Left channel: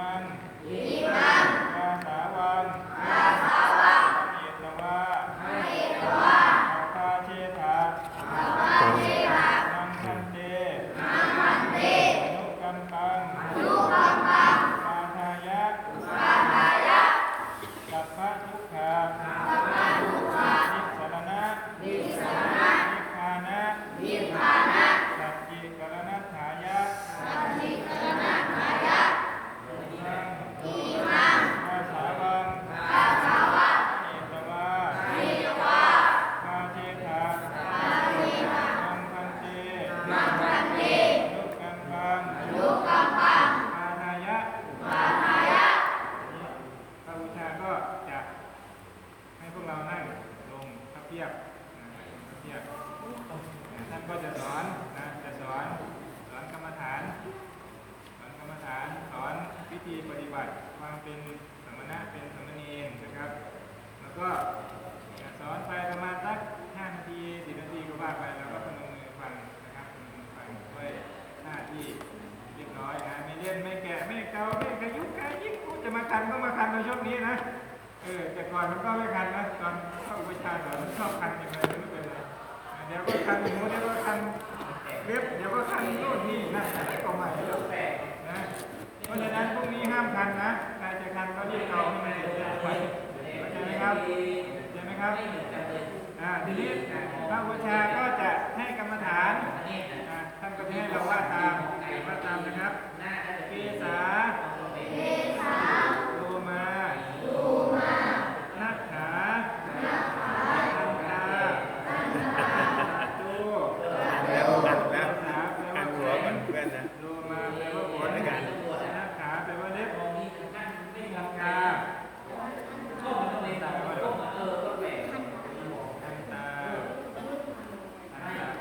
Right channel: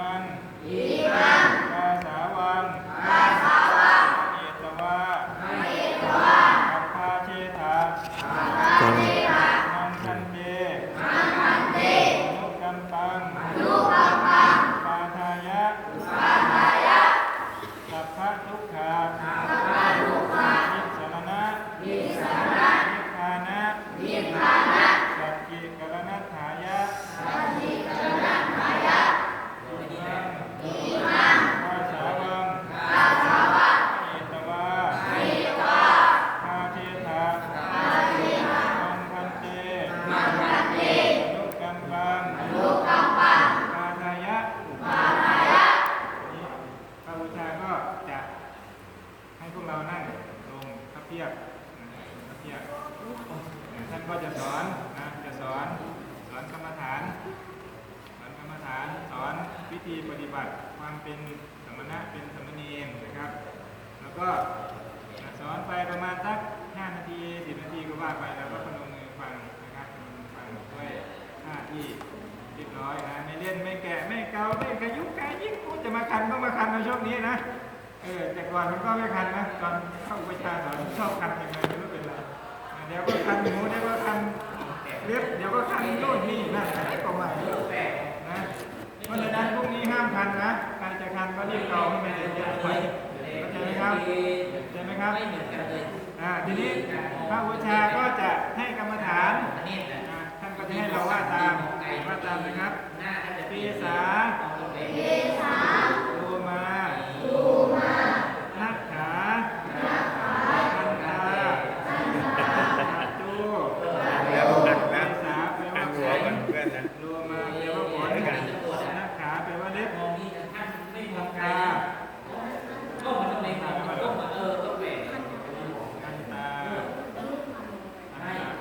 มัน อิมังกาสาวันกาสาวันเอตวะเอตวะอัปปาเชถาอัปปาเชถานังคันเตนังคันเตอนุกัมปังอนุกัมปังปาทายะปาทายะสัพพะทุกขาสัพพะทุกขานิสรณะนิสรณะนิพพานะนิพพานะสัจจิกรณัฏฐายะสัจจิกรณัฏฐายะ อิมังกาสาวังกาสาวังเอตวะเอตวะคาเทถาคาเทถามังคันเตมังคันเตอนุกัมปังอนุกัมปังปาทายะปาทายะนี่พระบูชาก็จะให้พวกเรานั่งลงพระเพียบพระเพียบท่านก็จะสอนนะจะสอนสอนกรรมฐาน สอนกรรมฐานสอนวิธีปฏิบัติความเป็นสมณะเป็นสมณีนะครับ แล้วก็สอนไปประมาณสัก5นาที10นาทีก็ว่าไปแล้วก็พนมมือฟังนะครับพนมมือฟังด้วยท่าที่เรียบร้อยนะไม่เล่นไม่แกะไม่เกาไม่กระยุกกระยิบกูจะมาคันก็มาคันในช่วงนี้นะเออแต่ก่อนมันก็ไม่คันนะตอนเข้าอุปชฌาย์สอนชอบคันยังไงไม่รู้เป็นไรเดี๋ยวก็คันหูเดี๋ยวก็คันเล็บเดี๋ยวก็คันโน่นนี่นั่นอะไรก็ไม่รู้ นะเพราะฉะนั้นพวกนี้ห้ามทันนะ ใครจะทันก็รีบเอาให้มันเสร็จไปเข้า ใจไหมครับเข้าใจไหมครับอ่าทีนี้พระบูชาก็จะให้กรรมฐานอ่าท่านก็จะให้เราว่าตามว่าตามนะครับเปสาเปสาโลมาโลมานักขานักขาตันตาตันตาตู แล้วหันนะ เปสาแปล หั ว่าน หัวก่อนเพื่อนนะ โลมาแปลว่าผลหน้าขาแปลว่าเล็บหลังตาตาตา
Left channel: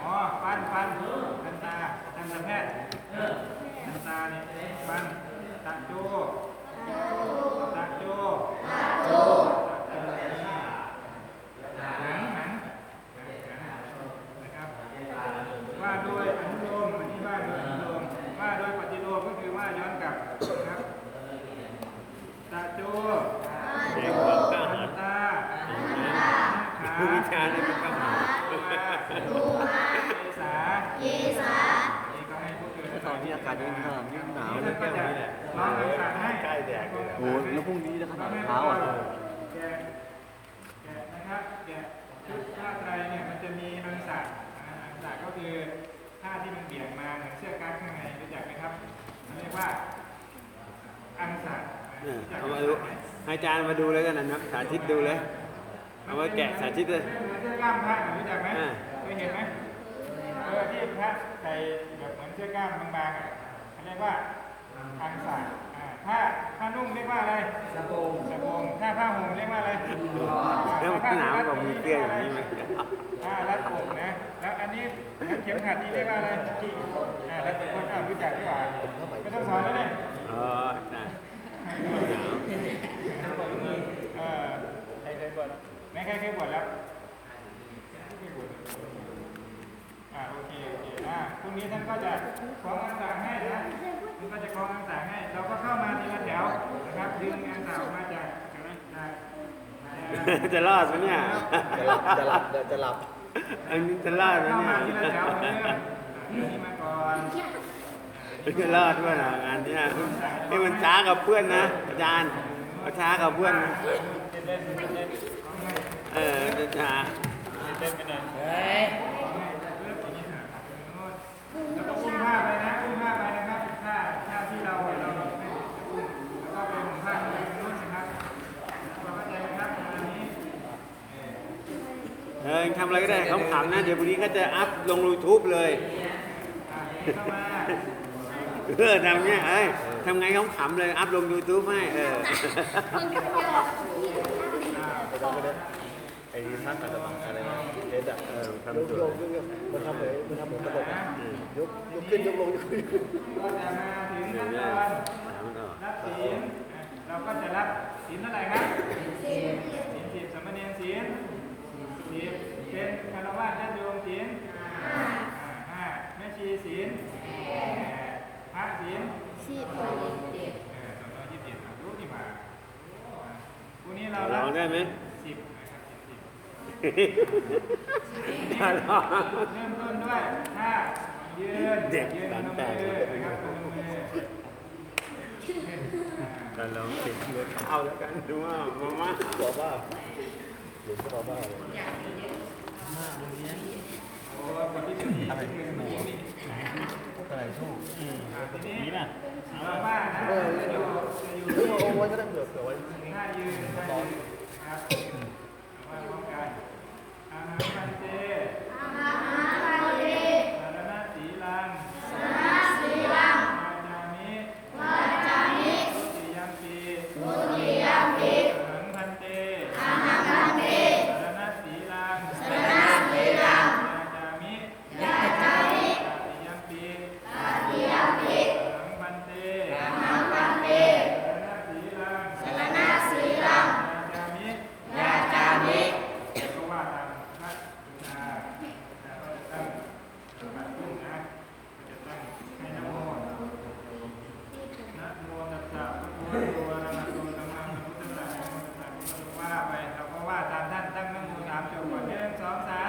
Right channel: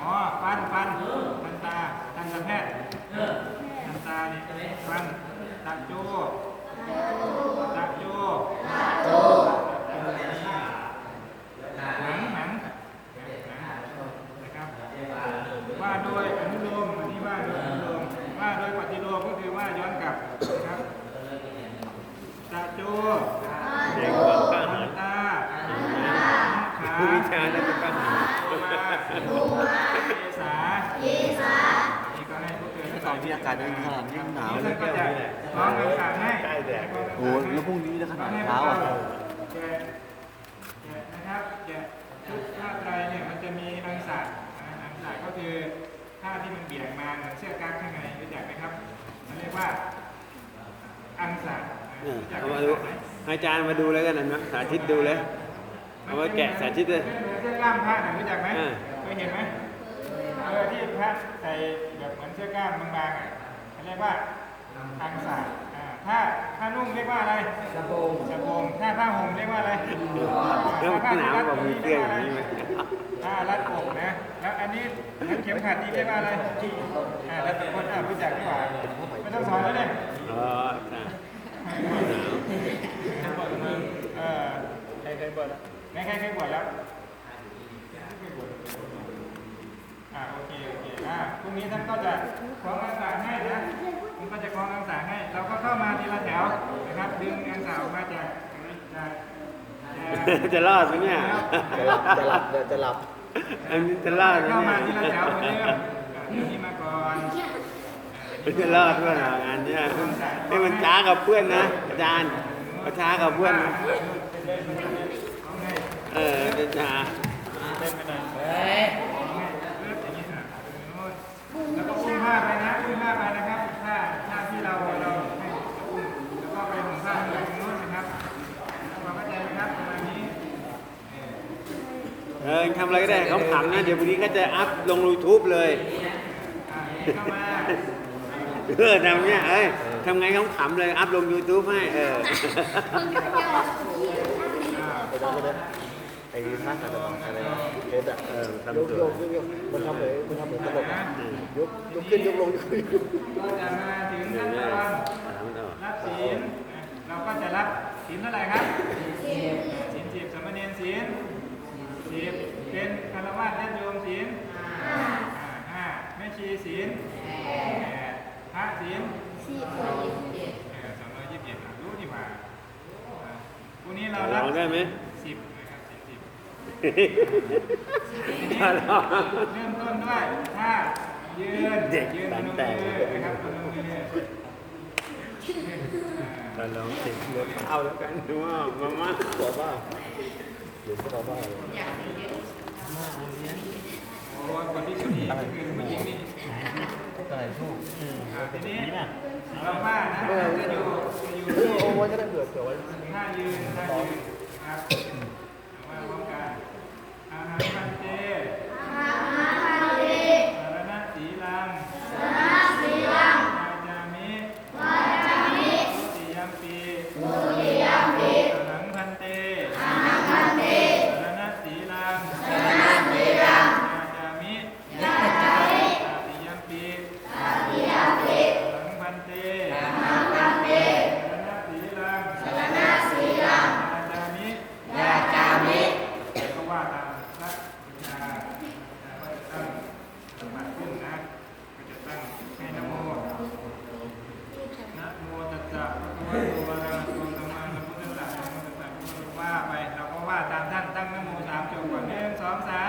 อ๋อฟันฟันทันตาทันตแพทย์ทันตาเนี่ยฟันตัดโจตัดโจตัดโจหนังหนังนะครับ ว่าโดยอนุโลมอันนี้ว่าโดยอนุโลมว่าโดยปฏิโลมก็คือว่าย้อนกลับนะครับตาโจตาโจตาขา ผู้วิชาเนี่ยเป็นปัญหา ดูมาเกษาเกษานี่ก็ให้พวกเธอได้ สายพี่อากาศยังขนาดนี้หนาว แล้ เล วย ก็จะร้องต่างๆให้ ใกล้แดดเลย โอ้โหแล้วพรุ่งนี้จะขนาดเช้าอะ แกะแกะนะครับแกะชุดผ้าไตรเนี่ยมันจะมีอังสะอ่าอังสะก็คือผ้าที่มันเบี่ยงมาเหมือนเสื้อกั๊กข้างในรู้จักไหมครับมันเรียกว่าอังสะ เนี่ยเอามาดูให้ อาจารย์มาดูเลยกันนะนะสาธิตดูเลย เอามาแกะสาธิตเลยเหมือนเสื้อกล้ามพระน่ะรู้จักไหมอ่าเคยเห็นไหมเออที่พระใส่แบบเหมือนเสื้อกล้ามบางๆอะเขาเรียกว่าอังสะอ่าผ้าผ้านุ่งเรียกว่าอะไรสบงสบงถ้าผ้าห่มเรียกว่าอะไรแล้วหนาวกว่ามีเสื้ออย่างนี้ไหมอ่ารัดอกนะ แล้วอันนี้แล้วเข็มขัดนี่เรียกว่าอะไรอ่าแล้วแต่คนอ่ารู้จักดีกว่าไม่ต้องสอนแล้วเนี่ยอ๋อใช่หนาว เออใครเคยบวชแล้วใครเคยบวชแล้วไม่เคยบวชอ่าโอเคโอเคอ่าพรุ่งนี้ท่านก็จะคล้องอังสาให้นะท่านก็จะคล้องอังสาให้ เราก็เข้ามาทีละแถวนะครับดึงอังสาออกมาจากจากอ่าจะรอดไหมเนี่ย จะหลับจะหลับจะหลับอันนี้จะรอดไหมเข้าเนี่มายทีละแถวเหมือนเดิมอันนี้มาก่อน จะรอดว่างานเนี่ยให้มันช้ากับเพื่อนนะอาจารย์ก็ช้ากับเพื่อนนะเออจะช้าแล้วก็อุ้มผ้าไปนะอุ้มผ้าไปนะครับผ้าผ้าที่เราเราแล้วก็ไปห่มผ้าที่ตรงนู้นนะครับความเข้าใจไหมครับประมาณนี้เออทำอะไรก็ได้เขาขำๆนะ เดี๋ยวพรุ่งนี้เขาจะอัพลง YouTube เลย เข้ามา เออทำเงี้ยเอ้ยทำไงเขาขำเลยอัพลง YouTube ให้เออไปได้ไปได้ไอ้ท่าขัดสมาธิอะไรนะเทสอะเออทำยกสวย ยกยกมันทำเหมือนมันทำเหมือนตลกอะยกยกขึ้นยกลงยกขึ้นก็จะมาถึงเดี๋ยวเนี่ยตอนถามมันออกรับศีลนะเราก็จะรับศีลเท่าไหร่ครับศีลสิบสามเณรศีลสิบเป็นคารวะญาติโยมศีลห้าห้าแม่ชีศีลแปดาสิบสี่ร้อยยี่สิบเจ็ดสองร้อยยี่สิบเจ็ดรู้ดีมาวกนี้เราลองได้ไหมสิบถ้าลองเริ่มต้นด้วยถ้ายืนเด็กแต่ครัาลองสิบเลยเอาแล้วกันดูว่ามาม่าขอบ้าหรือขอบ้าอยากเยอะมากเลยเนี่ยโอ้คนที่ ตัไหนสู้นี่ป่ะเออโอ้ยก็ได้เผื่อเผื่อไว้ตอน งสองสาม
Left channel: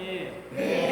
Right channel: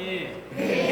Amém.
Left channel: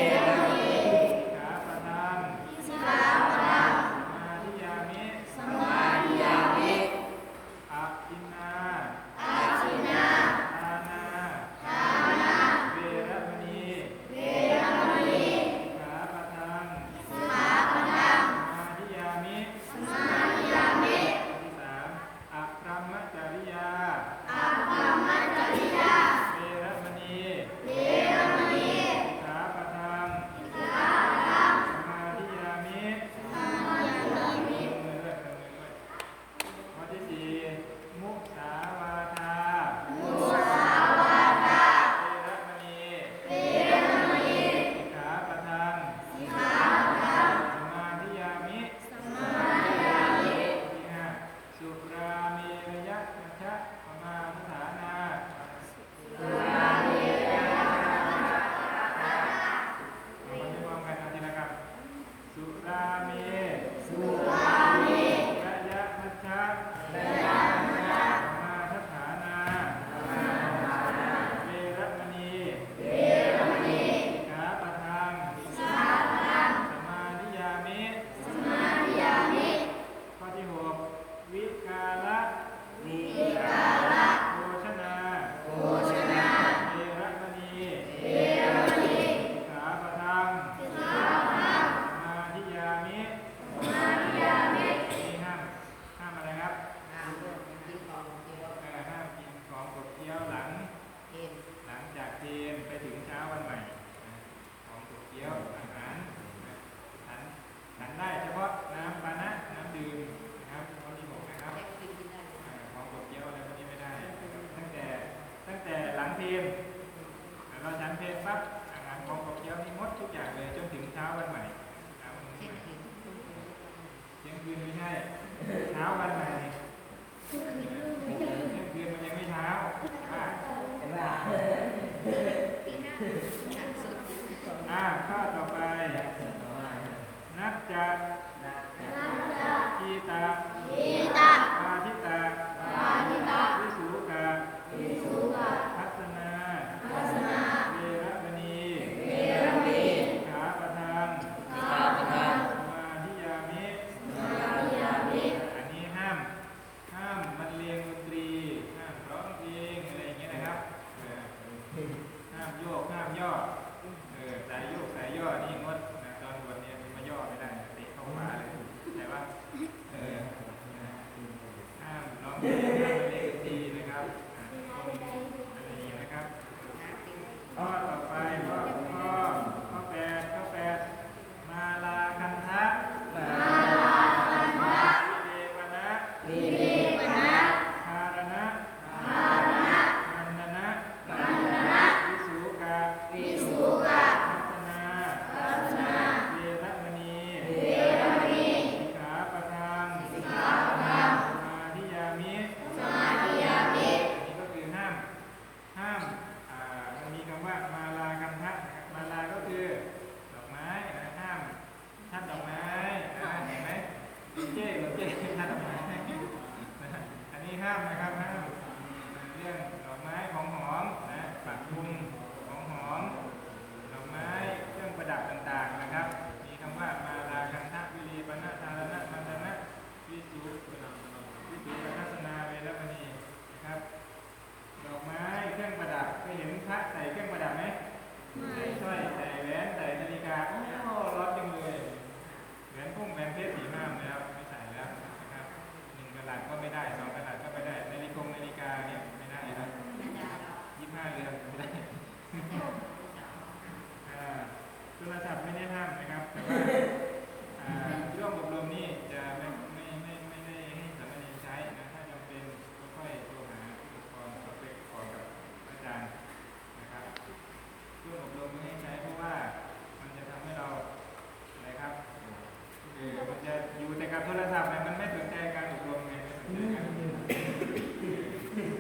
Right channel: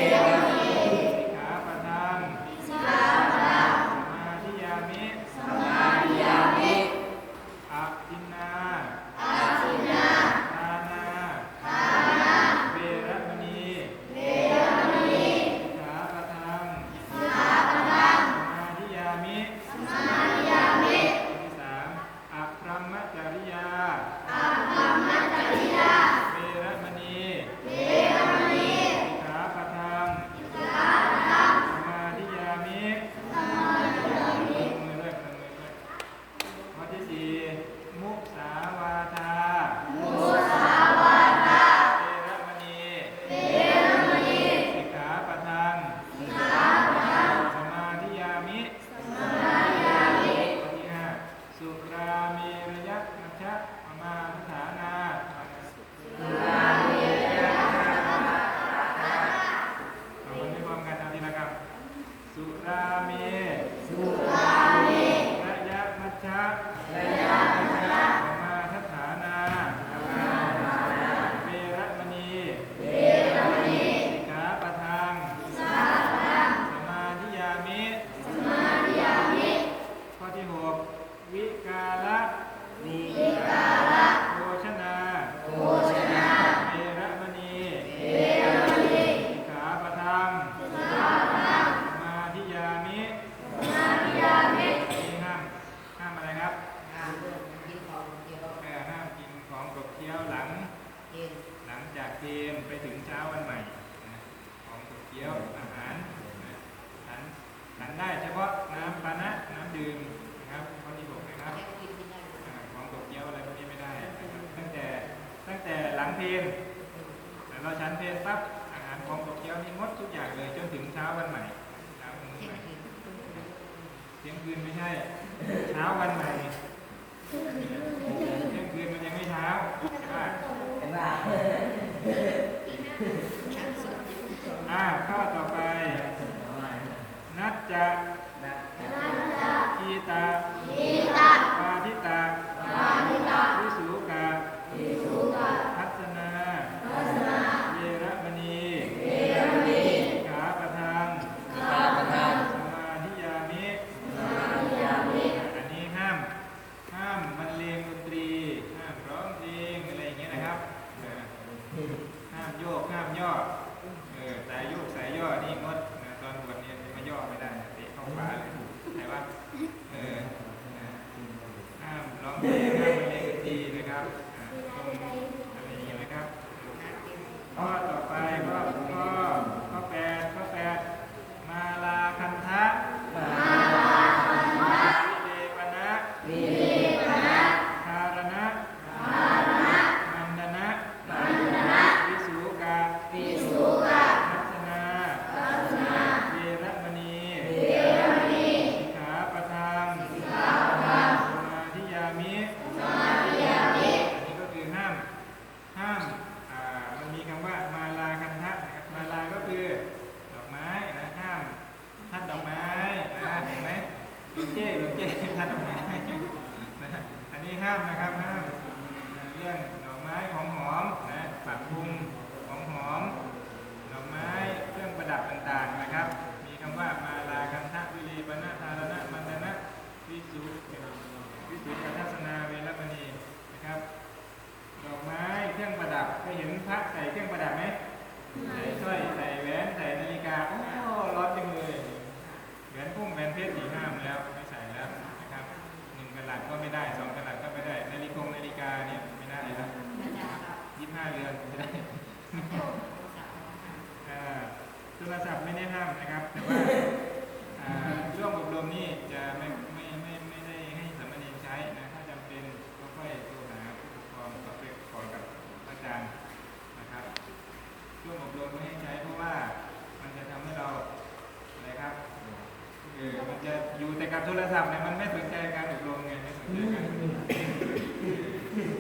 โทรศัพท์เนี่ยมันไม่สนใจการอบรมไงม่สนใจ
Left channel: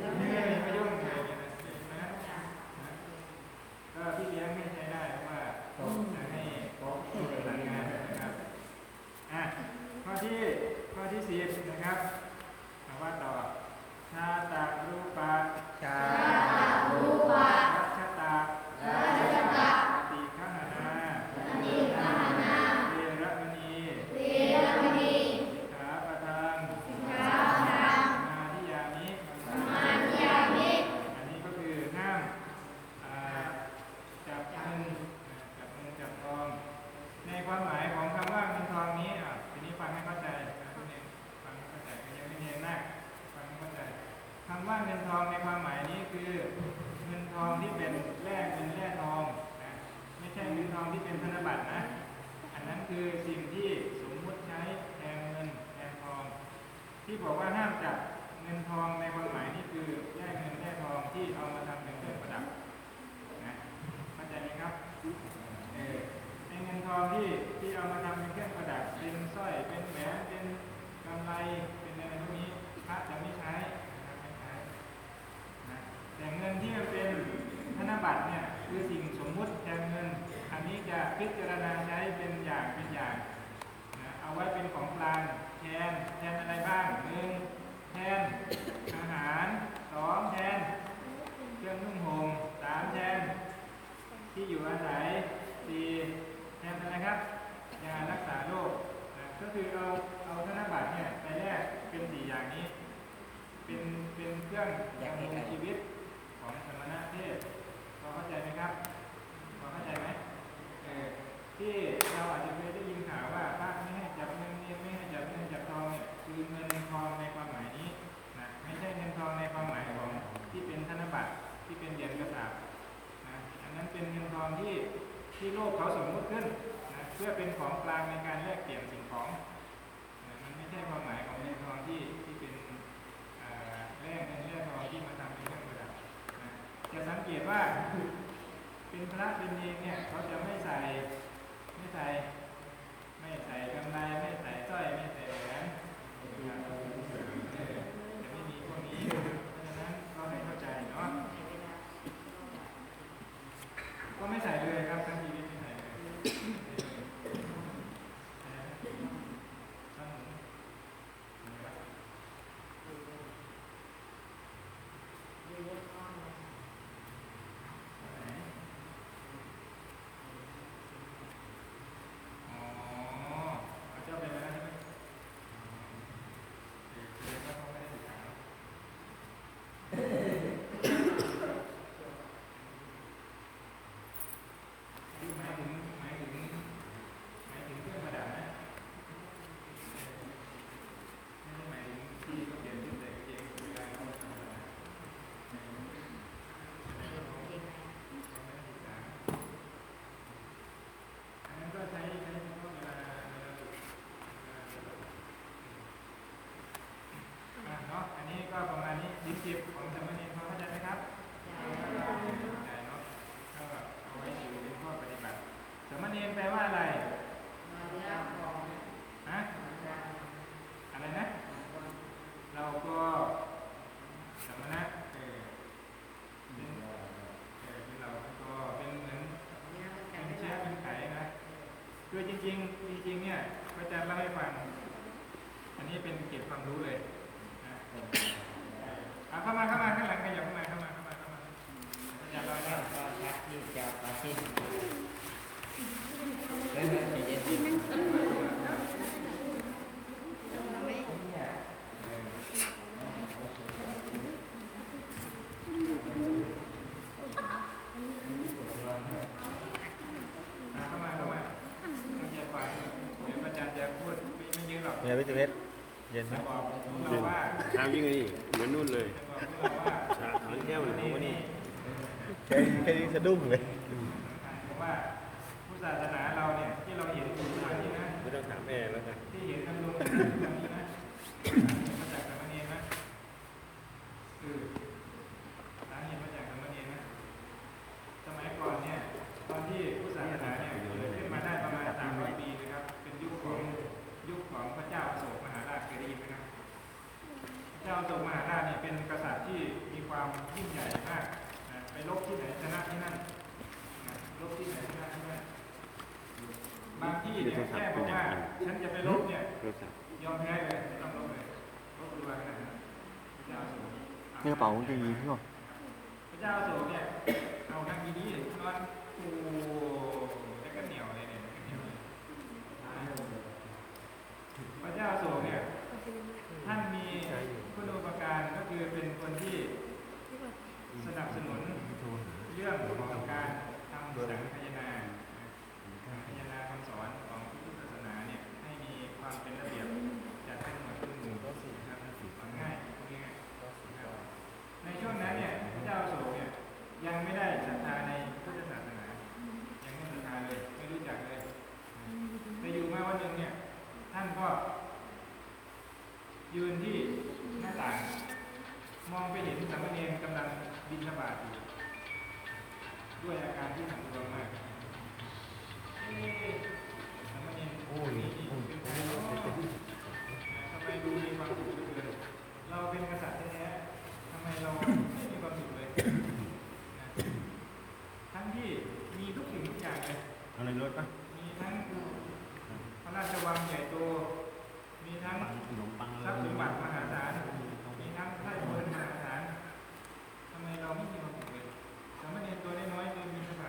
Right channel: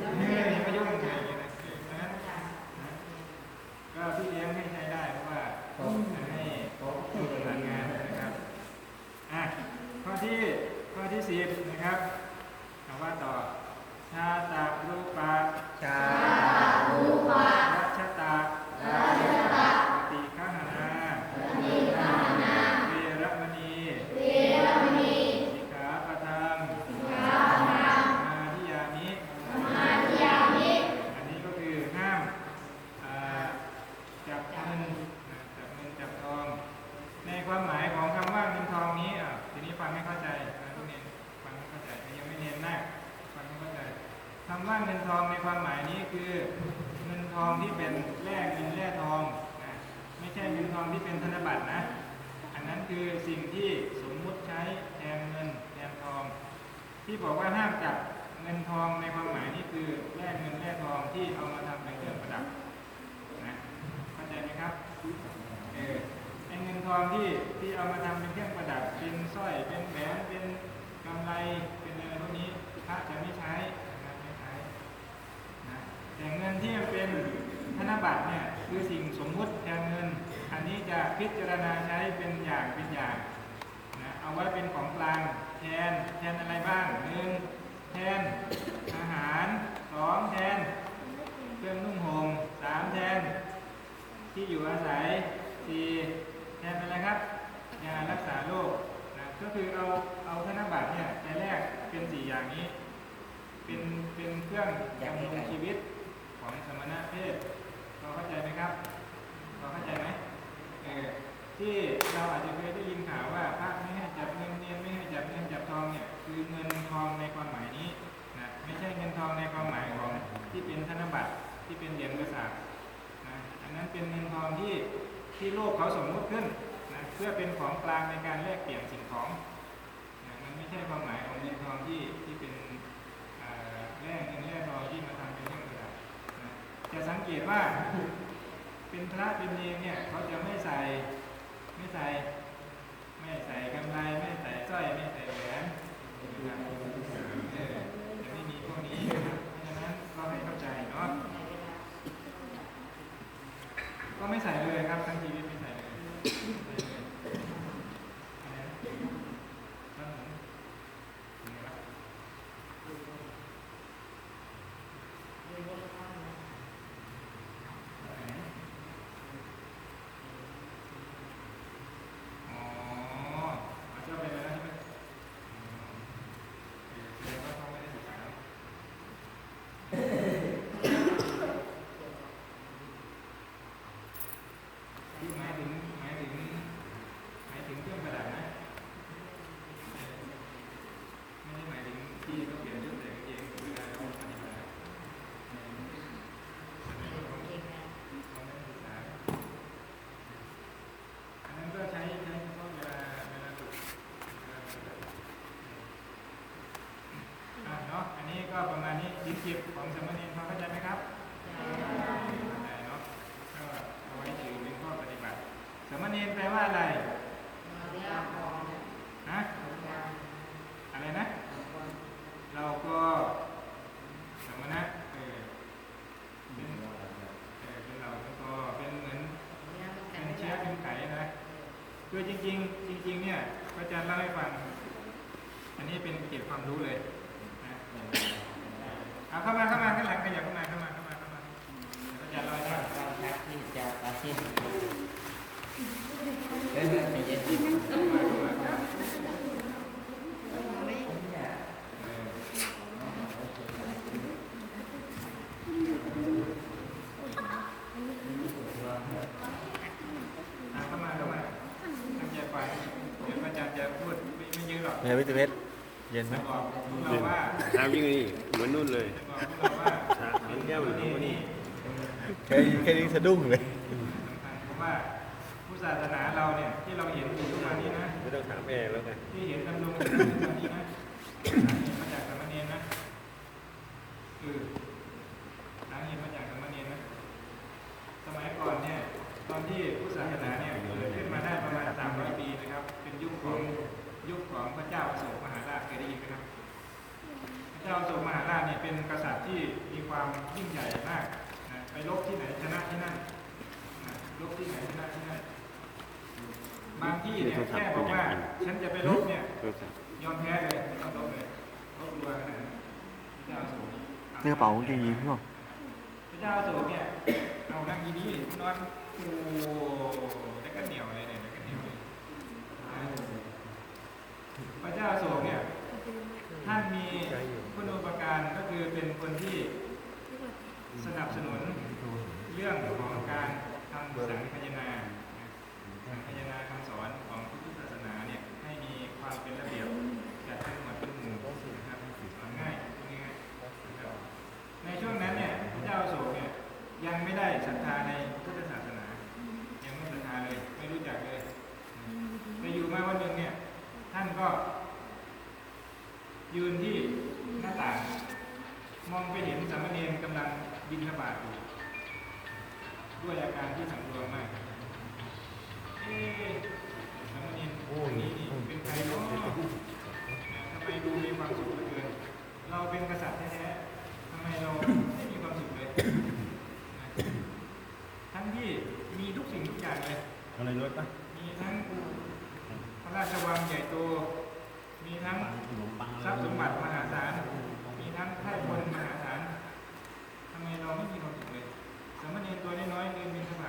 การนี่เลยไม่ยุ่งเลยนะก็พี่เลี้ยงไม่ใช้ได้เพราะว่าผมให้เขาทำงานนะครับอะข้อที่ข้อที่สิบนะครับคำว่าต่อชาตารูปะชา รัชตาปฏิฆาหาเวรมณีสิกขาปะทังสมาธิยามิอันนี้ก็คือห้ามอ่าจับเงินนะจับเงินจับทอง ในความหมายของคำว่าเงินทองนี้อะทีนี้ฟังไม่เข้าใจนะทุกทีฟังไม่เข้าใจยังไม่เห็นแรกฟังไม่เข้าใจคำว่าเงินทองในความหมายนี้คือเงินทองที่เป็นแร่เงินแร่ทองนะไม่ใช่เงินทองที่เป็นธนบัตรนะ อันนั้นคือสิ่งที่สมมุติใช้แทนเงินแทนทอง ที่บอกว่าห้ามจับเงินทองในความหมายนี้คือแร่เงินแร่ทองที่เอามาทำเป็นเครื่องประดับนะเข้าใจไหมครับเออเป็นเงินทองที่ที่เอามาทำเป็นเครื่องประดับเป็นสร้อยเป็นแหวนเป็นกำไรเป็นอะไรพวกนี้พระจะไม่ใช้ไม่ใช้นะแต่เงินที่เป็นธนบัตรเนี่ยคือสิ่งสมมุติการเงิน อันนี้จะพิจารณาใช้เป็นอย่างเป็นอย่าง เอาไว้เป็นของกลางแทนแทนอะไรบ้างหนึ่งแทนอาหารสองแทนเครื่องนุ่งห่มสามแทนที่อยู่อาศัยสี่แทนอะไรครับยารักษาโรคก็คือเอาเอาธนบัตรเนี่ยไปแลกเป็นสี่อย่างนี้ เป็นเป็นเครื่องดำรงชีวิตของสมณะเพศพอเข้าใจไหมครับพอเข้าใจไหมเออที่เราอาจจะเคยได้ยินข่าวว่าพระไม่ จับเงินเงียนไม่ให้จับเงินจับทองเนี่ยคือเงินทองในความหมายนี้นะไม่ใช่เงินทองในความหมายของที่เป็นธนบัตรที่เป็นเหรียญกระสาบนะอันนั้นเป็นเงินทองที่ที่โลกเขาสมมุติขึ้นนะเพื่อเป็นของกลางในการแลกเปลี่ยนสิ่งของนะมันไม่ใช่ความหมายของเงินทองที่ที่เป็นแร่เงินแร่ทองที่มาทำเป็นเครื่องประดับนะจะสังเกตว่าเป็นพระเป็นเนรเนี่ยเขาจะไม่ใส่ไม่ใส่ ไม่ใส่กำไรไม่ใส่ก้ไม่ใส่แหวยไม่มีพวกนี้นะเราไม่เข้าใจเนาะก็ไม่ใส่ คือจริงๆ จริง ๆ เนี่ยพระอาจารย์เล่าให้ฟัง อันนี้เป็นเก็บความรู้เลยนะเอาเข้ามาเข้ามาข้างหลังขยับเข้ามาเข้ามาเข้ามาเข้ามาพระอาจารย์เล่าให้ฟัง เฮ้ยใจเย็น อะเข้ามาเข้ามาตั้งใจฟังเดี๋ยวพระอาจารย์จะพูด ไม่เยอะหรอกเป็นไงพี่เวทเย็นไหมเย็นเช้ายิ่งนี่เหมือนนู่นเลยมันแค่เช้าแก้วมันเอากว่านี่แค่แค่นี้สะดุ้งเลย พระเจ้าอโศกมหาราชเนี่ยเป็นกษัตริย์ที่มีความยิ่งใหญ่มากนะไปรบที่ไหนชนะที่นั่นนะรบที่ไหนชนะที่นั่นบางที่เนี่ยแค่บอกว่าฉันจะไปรบเนี่ยยอมแพ้เลยไม่ต้องรบเลยรบดูว่าไหนพระเจ้าอโศกนี่กระเป๋ากางเกงยีนพี่บอกพระเจ้าอโศกเนี่ยเอากันดีๆนอนโอ้แล้วก็เหนียวเลยเนี่ยพระเจ้าอโศกเนี่ย ท่านมีคุณอุปการก็คือเป็นคนที่สนับสนุนเรื่องของการทำสังคายนาคายนาคำสอนของพุทธศาสนาเนี่ยให้มีความเป็นระเบียบจัดให้หมวดเป็นหมู่นะครับฟังง่ายฟังง่ายในช่วงนั้นเนี่ยพระเจ้าโศกเนี่ยยังไม่ได้ศรัทธาในพุทธศาสนา ยังไม่ศรัทธาเลย ไม่รู้จักเลยไปอยู่มาวันหนึ่งเนี่ยท่านก็ ยืนที่หน้าต่าง มองไปเห็นสามเณรกำลังบินธบาตอยู่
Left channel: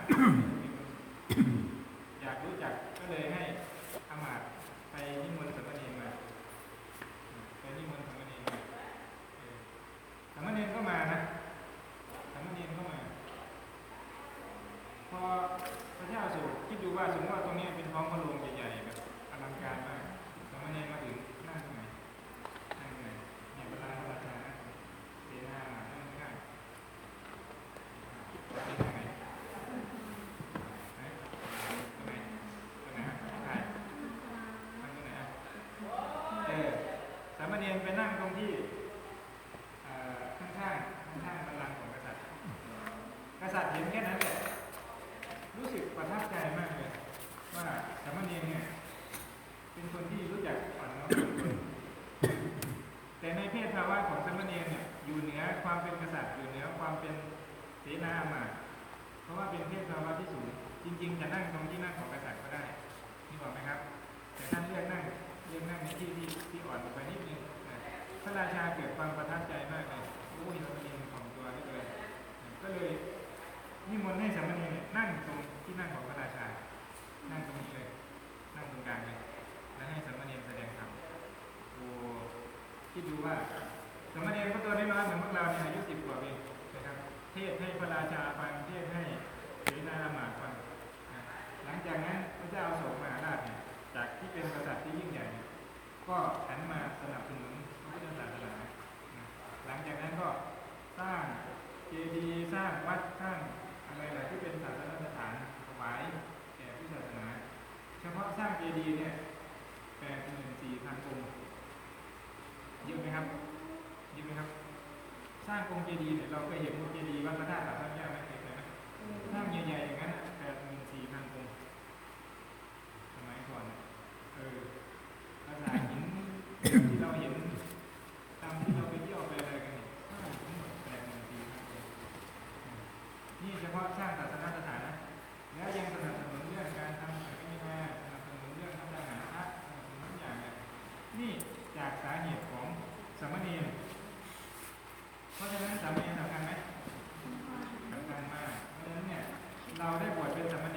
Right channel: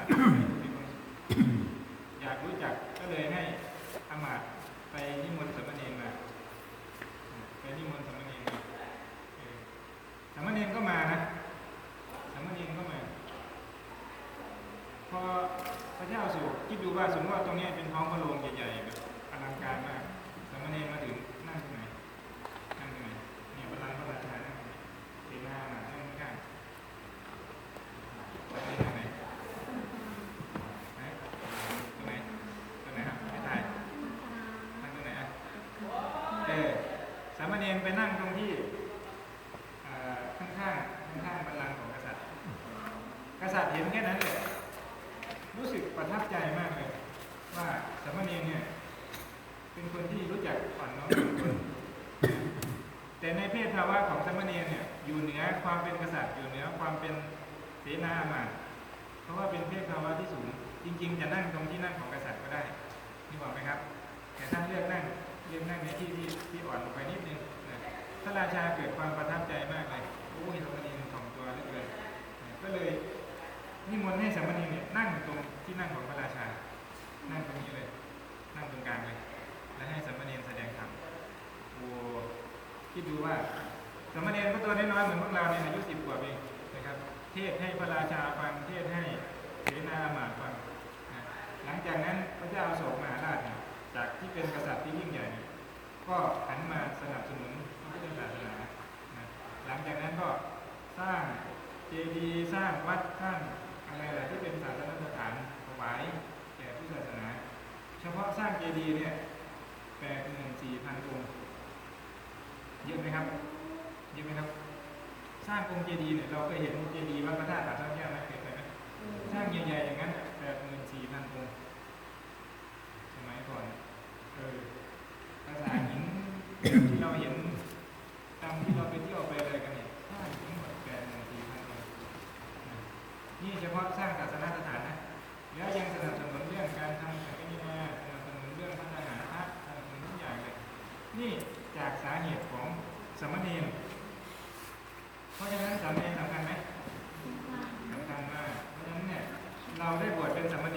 Mm-hmm. ไปนั่งตรงที่ข้างข้างข้างบัลลังก์ของกษัตริย์ กษัตริย์เห็นแค่นั้นแหละรู้สึกประทับใจมากเลยว่าสามเณรเนี่ยเป็นคนที่รู้จักอ่อนน้อมแต่ในเพศภาวะของสามเณรเนี่ยอยู่เหนือความเป็นกษัตริย์อยู่เหนือความเป็นเสนามาเพราะว่าเป็นเพศภาวะที่สูงจริงๆจะนั่งตรงที่นั่งของกษัตริย์ก็ได้นี่บอกไหมครับแต่ท่านเลือกนั่งเลือกนั่งในที่ที่อ่อนลงไปนิดนึง พระราชาเกิดความประทับใจมากเลยรู้ว่ยสมณีสองตัวนี่เลยก็เลยนิมนต์ให้สามณีนั่งตรงที่นั่งของพระราชา นั่งตรงนี้เลย นั่งตรงกลางเลย และให้สามณีแสดงธรรมโอ้คิดดูว่าสามณีก็ตัวน้อยๆเหมือนพวกเราในยอายุสิบกว่าเองนะครับ เทศให้พระราชาฟัง เทศให้เสนาหมาฟัง หลังจากนั้นพระเจ้าอโศกมหาราชจากที่เป็นกษัตริย์ที่ยิ่งใหญ่ ก็หันมาสนับสนุน พุศาสนาหลังจากนั้นก็สร้างเจดีย์สร้างวัดสร้างอะไรหลายที่เป็นศาสนาสถานถวายแด่ที่ศาสนา เฉพาะสร้างเจดีย์เนี่ยแปดหมื่นสี่พันองค์เยอะไหมครับเยอะไหมครับ สร้างองค์เจดีย์เนี่ยเราเคยเห็นองค์เจดีย์วัดพระธาตุปัตตานีนะเคยไไหมสร้างใหญ่ๆอย่างนั้นแปดหมื่นสี่พันองค์สมัยก่อนเออภาษาหิน จากสาเหตุของสมณเณเพราะฉะนั้นสามเณรสำคัญไหมสำคัญมากเพราะฉะนั้นเนี่ยเราได้บวชเป็นสมเณ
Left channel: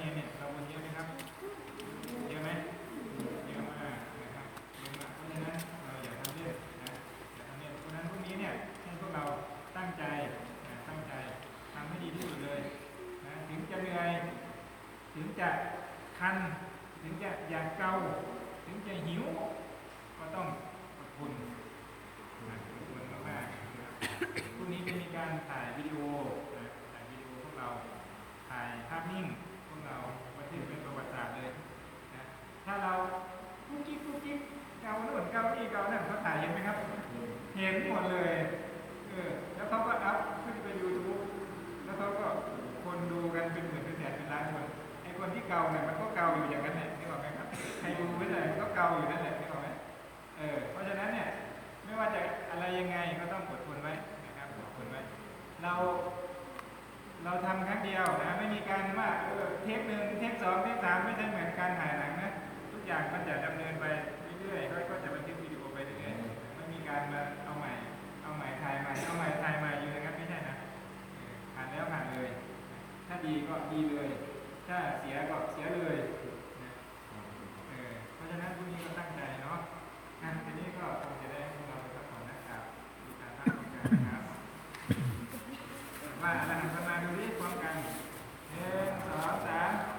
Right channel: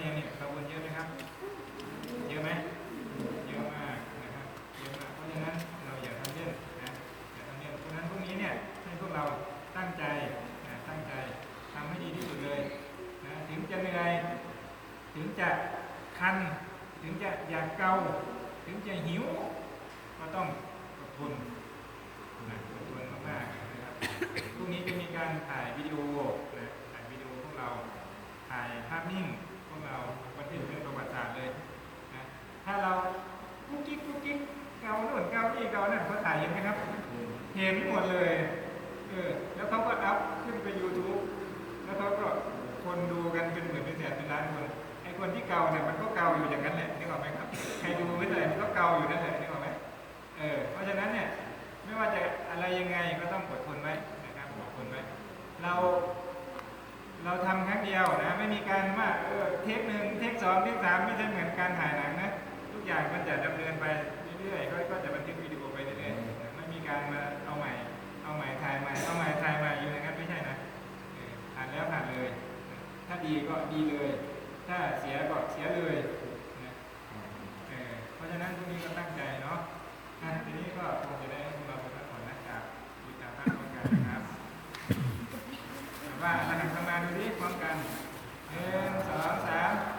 หันมาดูนี่พร้ามกันหนึ่งสองสาม